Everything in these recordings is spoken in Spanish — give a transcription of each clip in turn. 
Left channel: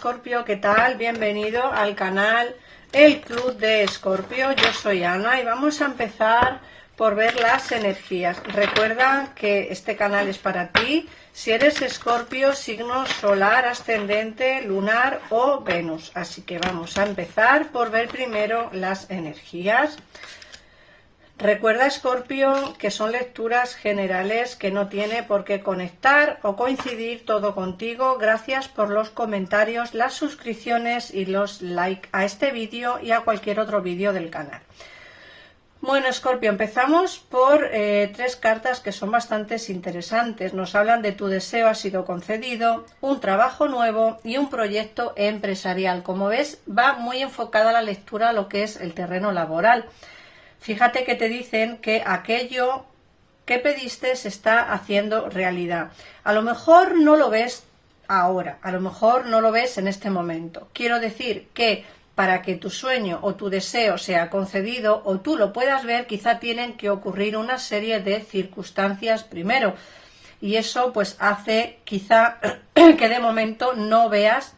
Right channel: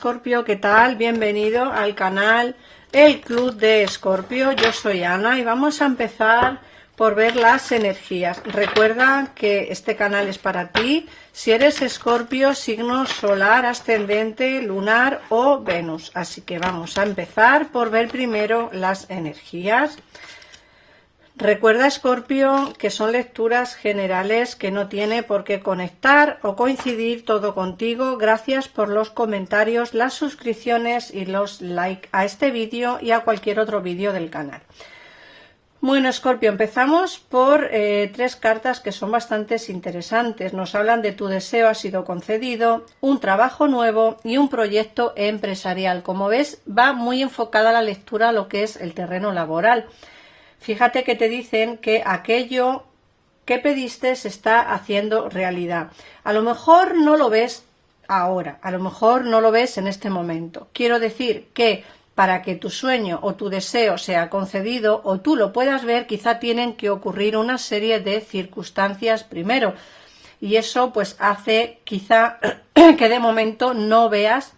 Escorpio, ¿qué tal? Bienvenido al canal El Club de Escorpio. Yo soy Ana y vamos a empezar por ver las energías. Recuerda que este canal es para ti si eres Escorpio, signo solar, ascendente, lunar o Venus. Así que vamos a empezar por ver primero las energías. Recuerda, Escorpio, que son lecturas generales, que no tiene por qué conectar o coincidir todo contigo. Gracias por los comentarios, las suscripciones y los likes a este vídeo y a cualquier otro vídeo del canal. Bueno, Escorpio, empezamos por tres cartas que son bastante interesantes. Nos hablan de tu deseo ha sido concedido, un trabajo nuevo y un proyecto empresarial. Como ves, va muy enfocada la lectura a lo que es el terreno laboral. Fíjate que te dicen que aquello que pediste se está haciendo realidad. A lo mejor no lo ves ahora, a lo mejor no lo ves en este momento. Quiero decir que para que tu sueño o tu deseo sea concedido o tú lo puedas ver, quizá tienen que ocurrir una serie de circunstancias primero. Y eso pues hace quizá que de momento no veas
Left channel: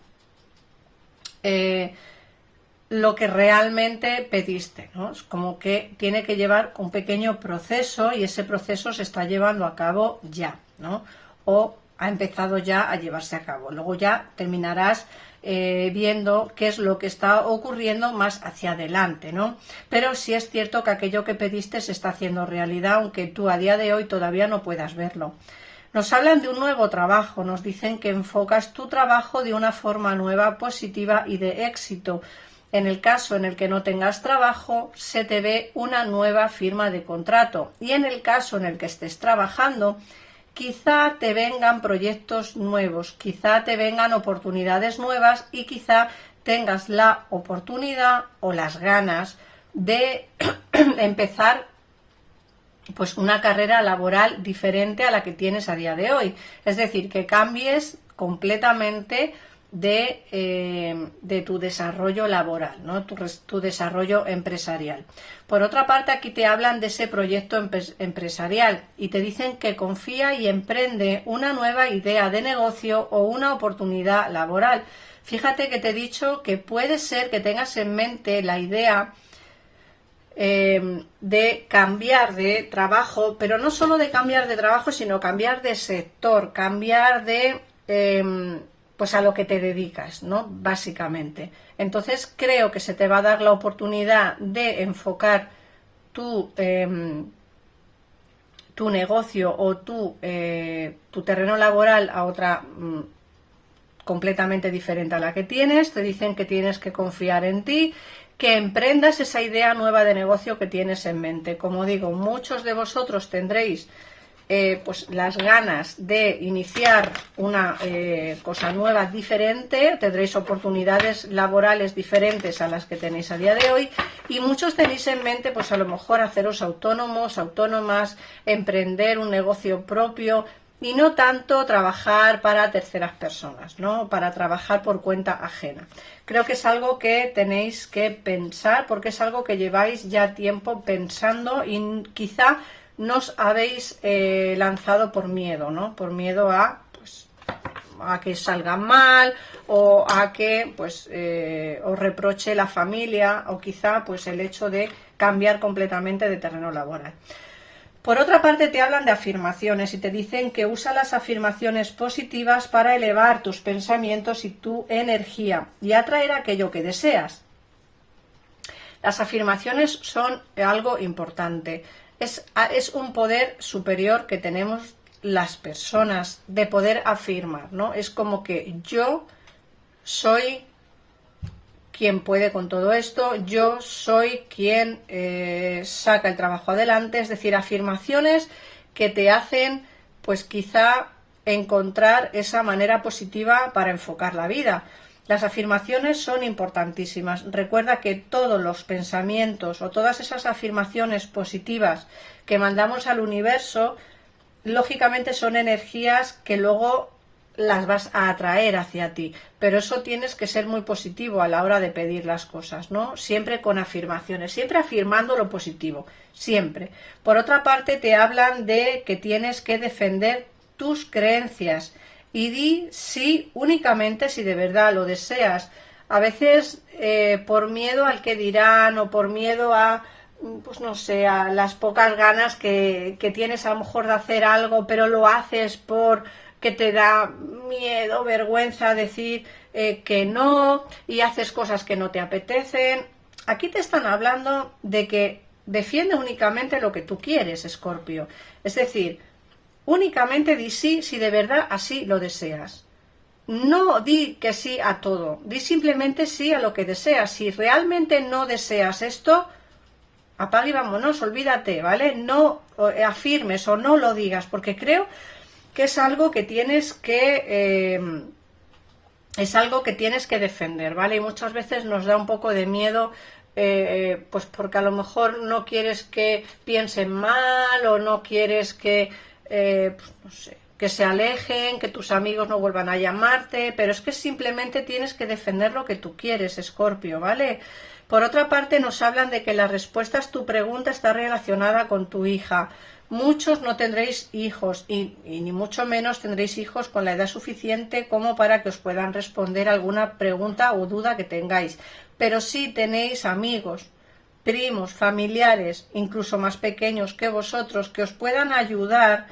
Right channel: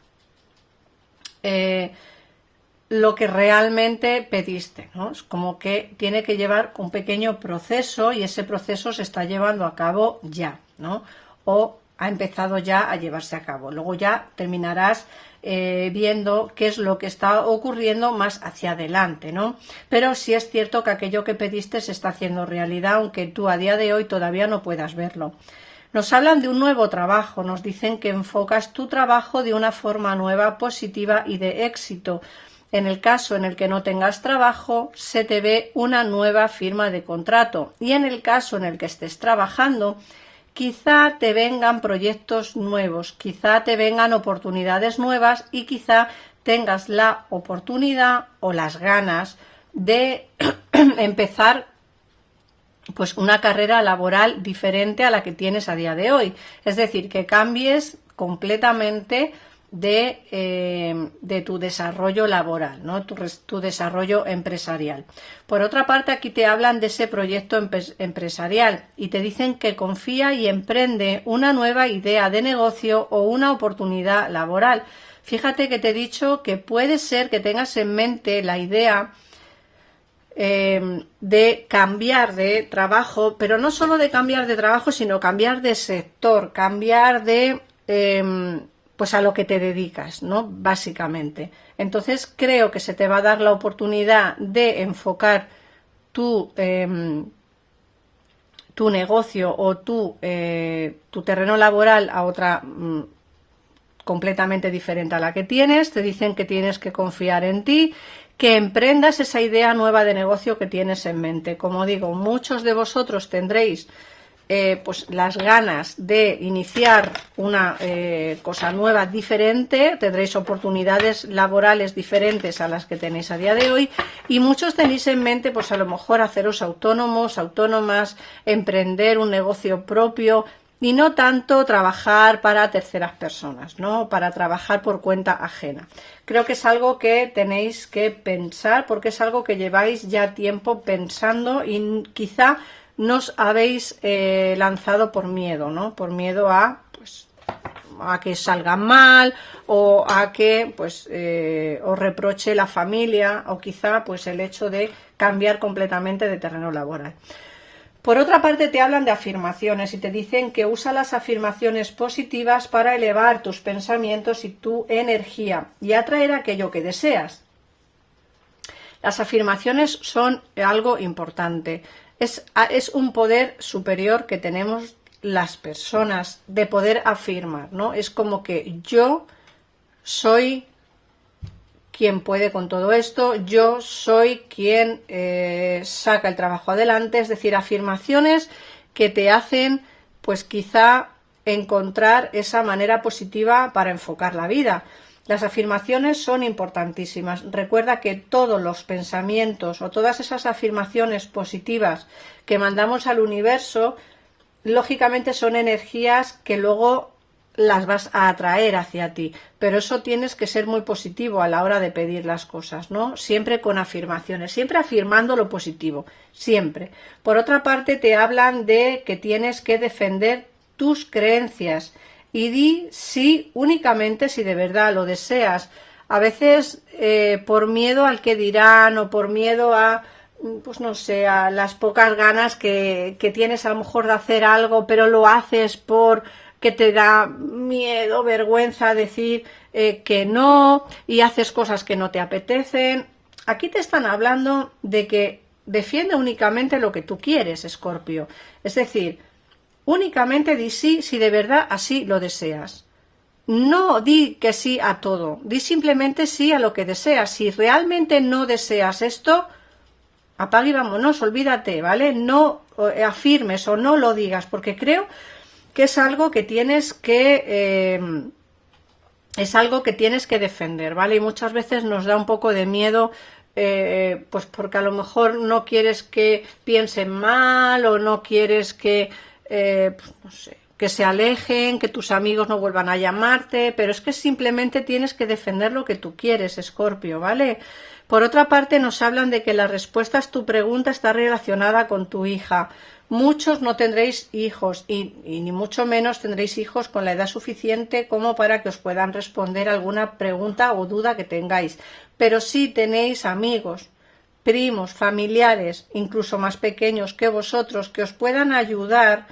lo que realmente pediste, ¿no? Es como que tiene que llevar un pequeño proceso y ese proceso se está llevando a cabo ya, ¿no? O ha empezado ya a llevarse a cabo. Luego ya terminarás viendo qué es lo que está ocurriendo más hacia adelante, ¿no? Pero sí es cierto que aquello que pediste se está haciendo realidad, aunque tú a día de hoy todavía no puedas verlo. Nos hablan de un nuevo trabajo, nos dicen que enfocas tu trabajo de una forma nueva, positiva y de éxito. En el caso en el que no tengas trabajo, se te ve una nueva firma de contrato. Y en el caso en el que estés trabajando, quizá te vengan proyectos nuevos, quizá te vengan oportunidades nuevas y quizá tengas la oportunidad o las ganas de empezar pues una carrera laboral diferente a la que tienes a día de hoy. Es decir, que cambies completamente de tu desarrollo laboral, ¿no? Tu desarrollo empresarial. Por otra parte, aquí te hablan de ese proyecto empresarial y te dicen que confía y emprende una nueva idea de negocio o una oportunidad laboral. Fíjate que te he dicho que puede ser que tengas en mente la idea de cambiar de trabajo, pero no solo de cambiar de trabajo, sino cambiar de sector, cambiar de pues a lo que te dedicas, ¿no? Básicamente. Entonces creo que se te va a dar la oportunidad de enfocar tu negocio o tu terreno laboral a otra completamente diferente a la que tienes. Te dicen que tienes que confiar en ti, que emprendas esa idea nueva de negocio que tienes en mente. Como digo, muchos de vosotros tendréis pues las ganas de iniciar una cosa nueva, diferente, tendréis oportunidades laborales diferentes a las que tenéis a día de hoy y muchos tenéis en mente pues a lo mejor haceros autónomos, autónomas, emprender un negocio propio y no tanto trabajar para terceras personas, ¿no? Para trabajar por cuenta ajena. Creo que es algo que tenéis que pensar porque es algo que lleváis ya tiempo pensando y quizá nos habéis lanzado por miedo, ¿no? Por miedo a, pues, a que salga mal o a que pues, os reproche la familia o quizá pues, el hecho de cambiar completamente de terreno laboral. Por otra parte, te hablan de afirmaciones y te dicen que usa las afirmaciones positivas para elevar tus pensamientos y tu energía y atraer aquello que deseas. Las afirmaciones son algo importante. Es un poder superior que tenemos las personas de poder afirmar, ¿no? Es como que yo soy quien puede con todo esto, yo soy quien saca el trabajo adelante, es decir, afirmaciones que te hacen, pues quizá encontrar esa manera positiva para enfocar la vida. Las afirmaciones son importantísimas. Recuerda que todos los pensamientos o todas esas afirmaciones positivas que mandamos al universo, lógicamente son energías que luego las vas a atraer hacia ti. Pero eso tienes que ser muy positivo a la hora de pedir las cosas, ¿no? Siempre con afirmaciones, siempre afirmando lo positivo, siempre. Por otra parte, te hablan de que tienes que defender tus creencias y di sí únicamente si de verdad lo deseas. A veces por miedo al que dirán o por miedo a, pues no sé, a las pocas ganas que tienes a lo mejor de hacer algo, pero lo haces por que te da miedo, vergüenza decir que no, y haces cosas que no te apetecen. Aquí te están hablando de que defiende únicamente lo que tú quieres, Escorpio. Es decir, únicamente di sí si de verdad así lo deseas. No di que sí a todo, di simplemente sí a lo que deseas. Si realmente no deseas esto, apaga y vámonos, olvídate, ¿vale? No afirmes o no lo digas, porque creo que es algo que tienes que defender, ¿vale? Y muchas veces nos da un poco de miedo, pues porque a lo mejor no quieres que piensen mal o no quieres que, pues no sé, que se alejen, que tus amigos no vuelvan a llamarte, pero es que simplemente tienes que defender lo que tú quieres, Escorpio, ¿vale? Por otra parte, nos hablan de que la respuesta a tu pregunta está relacionada con tu hija. Muchos no tendréis hijos y ni mucho menos tendréis hijos con la edad suficiente como para que os puedan responder alguna pregunta o duda que tengáis. Pero sí tenéis amigos, primos, familiares, incluso más pequeños que vosotros, que os puedan ayudar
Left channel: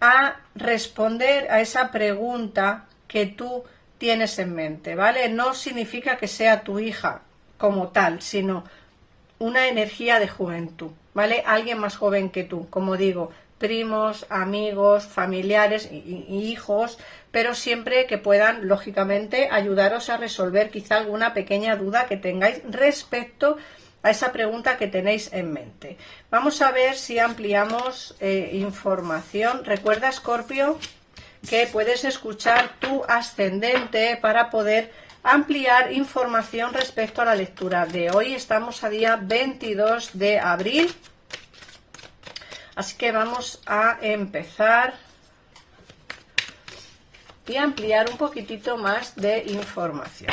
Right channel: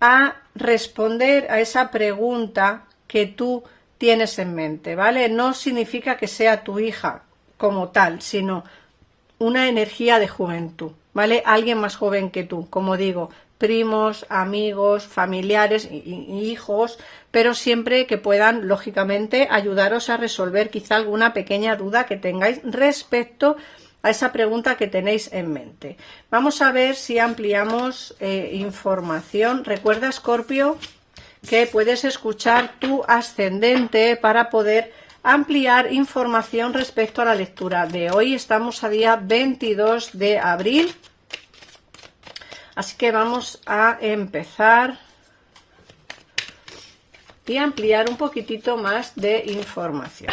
a responder a esa pregunta que tú tienes en mente, ¿vale? No significa que sea tu hija como tal, sino una energía de juventud, ¿vale? Alguien más joven que tú, como digo, primos, amigos, familiares y hijos, pero siempre que puedan, lógicamente, ayudaros a resolver quizá alguna pequeña duda que tengáis respecto a esa pregunta que tenéis en mente. Vamos a ver si ampliamos información. Recuerda, Escorpio, que puedes escuchar tu ascendente para poder ampliar información respecto a la lectura de hoy. Estamos a día 22 de abril, así que vamos a empezar y ampliar un poquitito más de información.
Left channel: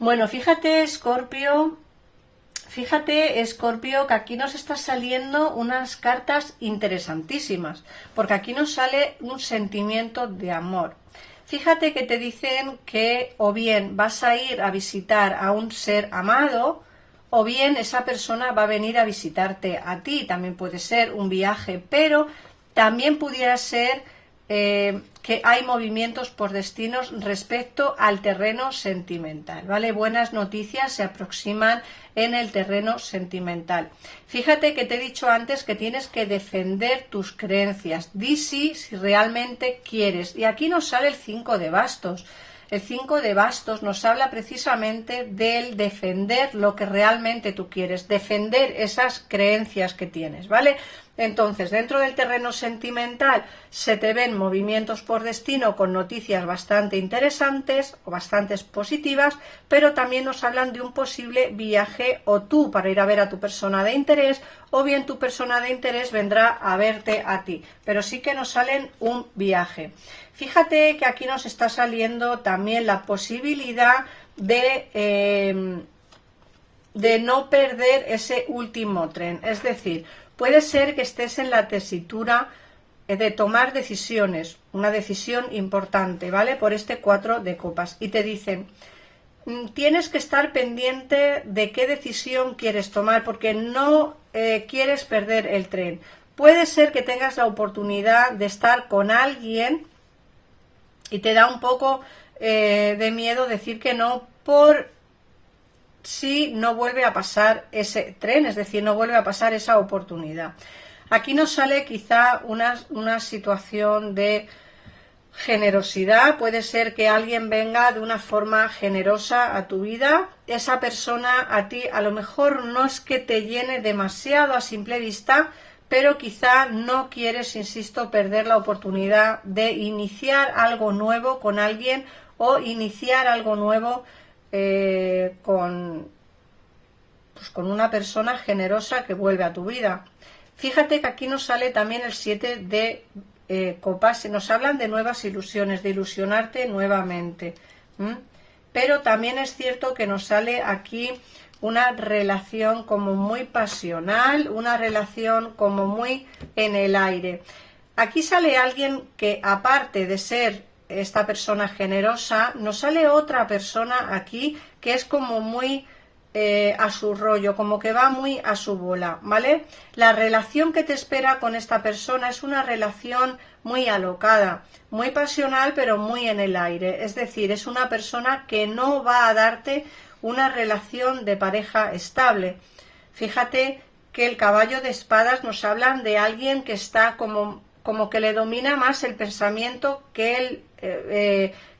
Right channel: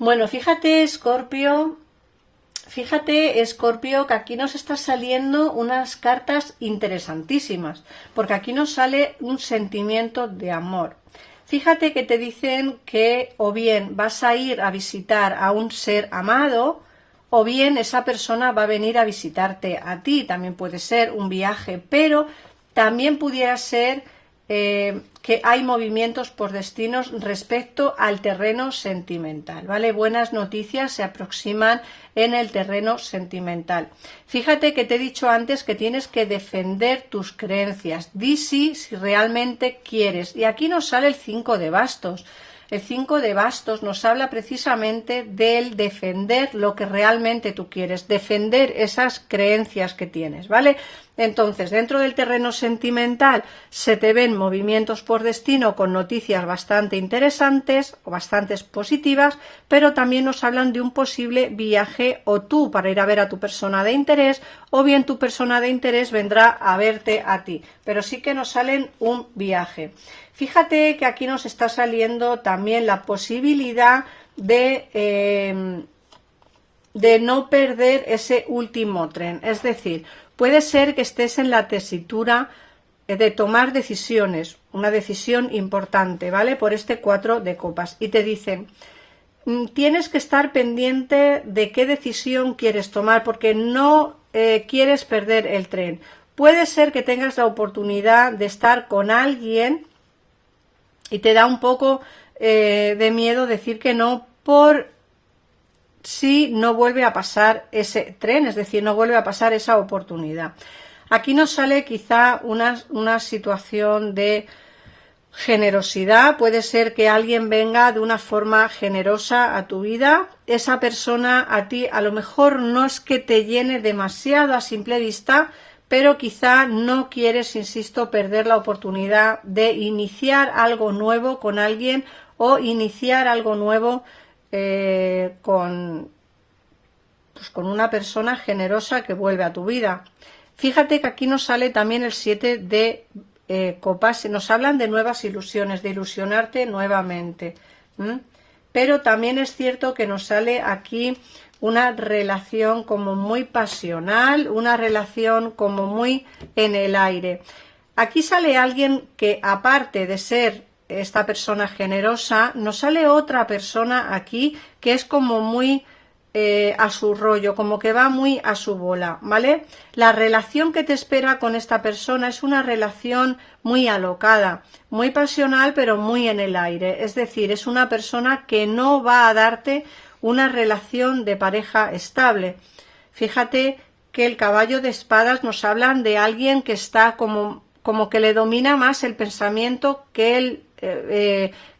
Bueno, fíjate, Escorpio, que aquí nos está saliendo unas cartas interesantísimas, porque aquí nos sale un sentimiento de amor. Fíjate que te dicen que o bien vas a ir a visitar a un ser amado, o bien esa persona va a venir a visitarte a ti. También puede ser un viaje, pero también pudiera ser que hay movimientos por destinos respecto al terreno sentimental, ¿vale? Buenas noticias se aproximan en el terreno sentimental. Fíjate que te he dicho antes que tienes que defender tus creencias. Di sí si realmente quieres. Y aquí nos sale el 5 de bastos. El 5 de bastos nos habla precisamente del defender lo que realmente tú quieres, defender esas creencias que tienes, ¿vale? Entonces, dentro del terreno sentimental se te ven movimientos por destino con noticias bastante interesantes o bastante positivas, pero también nos hablan de un posible viaje o tú para ir a ver a tu persona de interés, o bien tu persona de interés vendrá a verte a ti, pero sí que nos salen un viaje. Fíjate que aquí nos está saliendo también la posibilidad de no perder ese último tren, es decir, puede ser que estés en la tesitura de tomar decisiones, una decisión importante, ¿vale? Por este 4 de copas. Y te dicen, tienes que estar pendiente de qué decisión quieres tomar porque no quieres perder el tren. Puede ser que tengas la oportunidad de estar con alguien y te da un poco de miedo decir que no por si no vuelve a pasar ese tren, es decir, no vuelve a pasar esa oportunidad. Aquí nos sale quizá una situación de generosidad. Puede ser que alguien venga de una forma generosa a tu vida. Esa persona a ti a lo mejor no es que te llene demasiado a simple vista, pero quizá no quieres, insisto, perder la oportunidad de iniciar algo nuevo con alguien o iniciar algo nuevo con una persona generosa que vuelve a tu vida. Fíjate que aquí nos sale también el 7 de copas, nos hablan de nuevas ilusiones, de ilusionarte nuevamente. pero también es cierto que nos sale aquí una relación como muy pasional, una relación como muy en el aire. Aquí sale alguien que, aparte de ser esta persona generosa, nos sale otra persona aquí que es como muy a su rollo, como que va muy a su bola, ¿vale? La relación que te espera con esta persona es una relación muy alocada, muy pasional, pero muy en el aire. Es decir, es una persona que no va a darte una relación de pareja estable. Fíjate que el caballo de espadas nos hablan de alguien que está como que le domina más el pensamiento que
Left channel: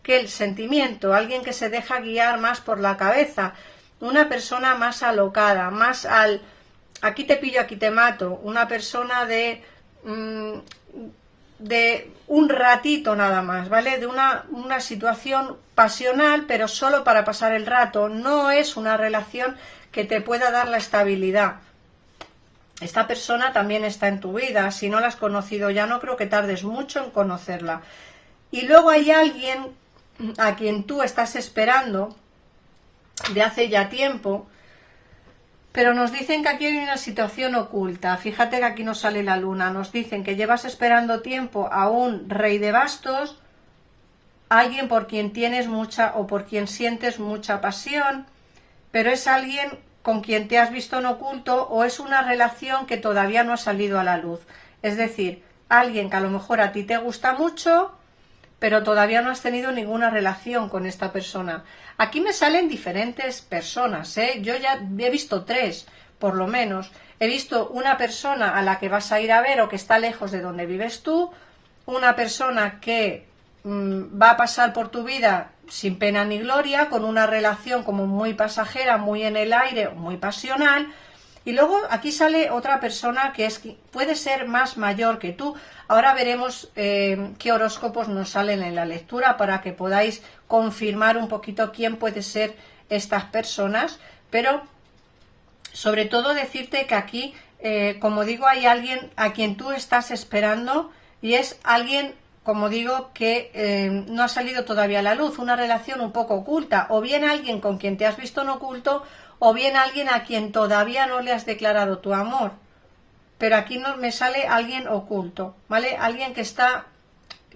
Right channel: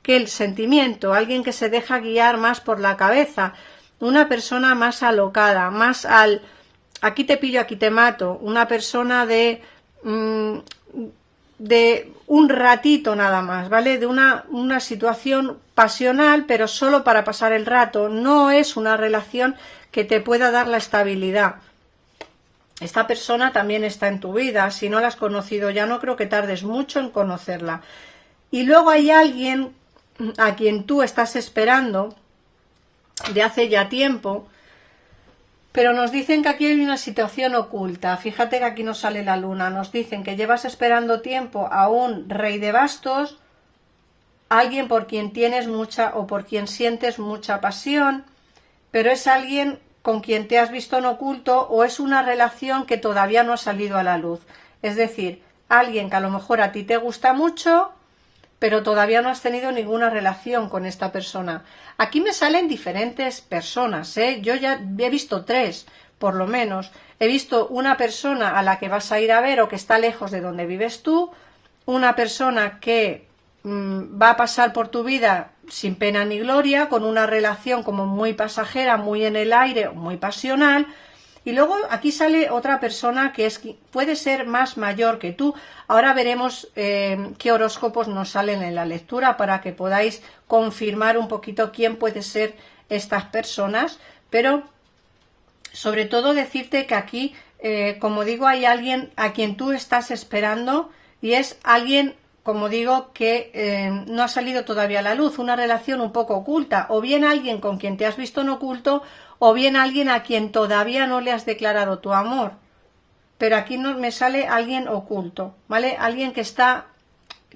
el sentimiento, alguien que se deja guiar más por la cabeza, una persona más alocada, más al aquí te pillo, aquí te mato, una persona de un ratito nada más, ¿vale? De una situación pasional, pero solo para pasar el rato. No es una relación que te pueda dar la estabilidad. Esta persona también está en tu vida. Si no la has conocido ya, no creo que tardes mucho en conocerla. Y luego hay alguien a quien tú estás esperando de hace ya tiempo, pero nos dicen que aquí hay una situación oculta. Fíjate que aquí nos sale la luna. Nos dicen que llevas esperando tiempo a un rey de bastos, alguien por quien tienes mucha o por quien sientes mucha pasión, pero es alguien con quien te has visto en oculto o es una relación que todavía no ha salido a la luz. Es decir, alguien que a lo mejor a ti te gusta mucho, pero todavía no has tenido ninguna relación con esta persona. Aquí me salen diferentes personas, ¿eh? Yo ya he visto 3, por lo menos. He visto una persona a la que vas a ir a ver o que está lejos de donde vives tú, una persona que va a pasar por tu vida sin pena ni gloria, con una relación como muy pasajera, muy en el aire, muy pasional. Y luego aquí sale otra persona que puede ser más mayor que tú. Ahora veremos qué horóscopos nos salen en la lectura para que podáis confirmar un poquito quién puede ser estas personas. Pero sobre todo decirte que aquí, como digo, hay alguien a quien tú estás esperando y es alguien, como digo, que no ha salido todavía a la luz, una relación un poco oculta, o bien alguien con quien te has visto en oculto, o bien alguien a quien todavía no le has declarado tu amor. Pero aquí no me sale alguien oculto, ¿vale? Alguien que está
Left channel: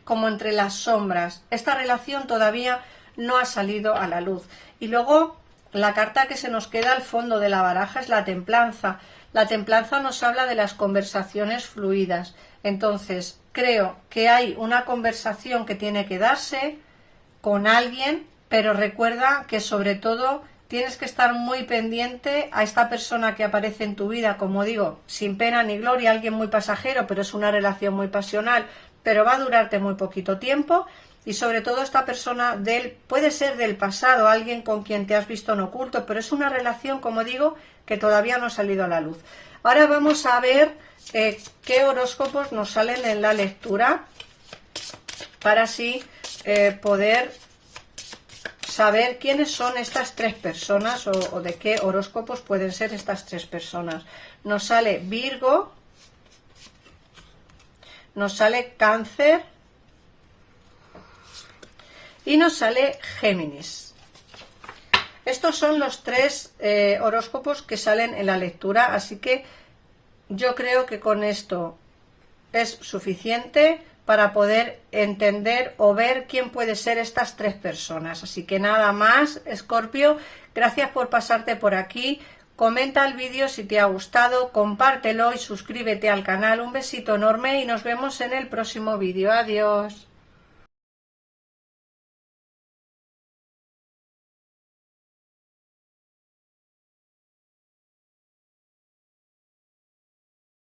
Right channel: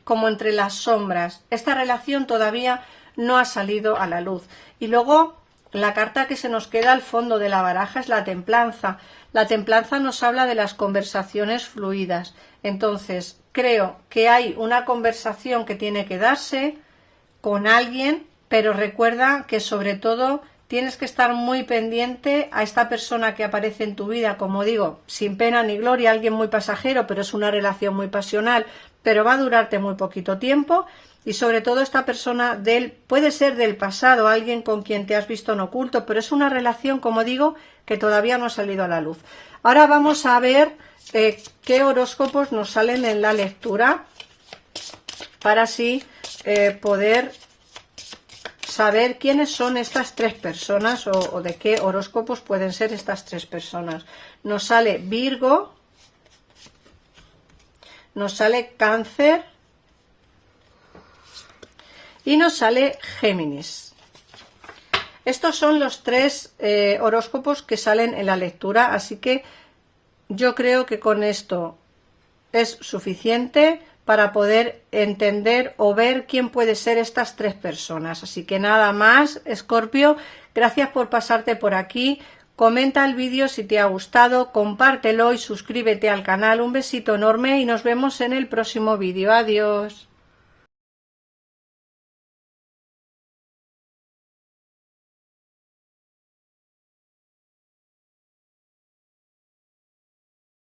como entre las sombras. Esta relación todavía no ha salido a la luz. Y luego la carta que se nos queda al fondo de la baraja es la templanza. La templanza nos habla de las conversaciones fluidas. Entonces, creo que hay una conversación que tiene que darse con alguien, pero recuerda que sobre todo tienes que estar muy pendiente a esta persona que aparece en tu vida, como digo, sin pena ni gloria, alguien muy pasajero, pero es una relación muy pasional, pero va a durarte muy poquito tiempo. Y sobre todo esta persona puede ser del pasado, alguien con quien te has visto en oculto, pero es una relación, como digo, que todavía no ha salido a la luz. Ahora vamos a ver qué horóscopos nos salen en la lectura para así poder saber quiénes son estas 3 personas o de qué horóscopos pueden ser estas 3 personas. Nos sale Virgo, nos sale Cáncer y nos sale Géminis. Estos son los 3 horóscopos que salen en la lectura, así que yo creo que con esto es suficiente para poder entender o ver quién puede ser estas 3 personas. Así que nada más, Escorpio, gracias por pasarte por aquí. Comenta el vídeo si te ha gustado, compártelo y suscríbete al canal. Un besito enorme y nos vemos en el próximo vídeo. Adiós.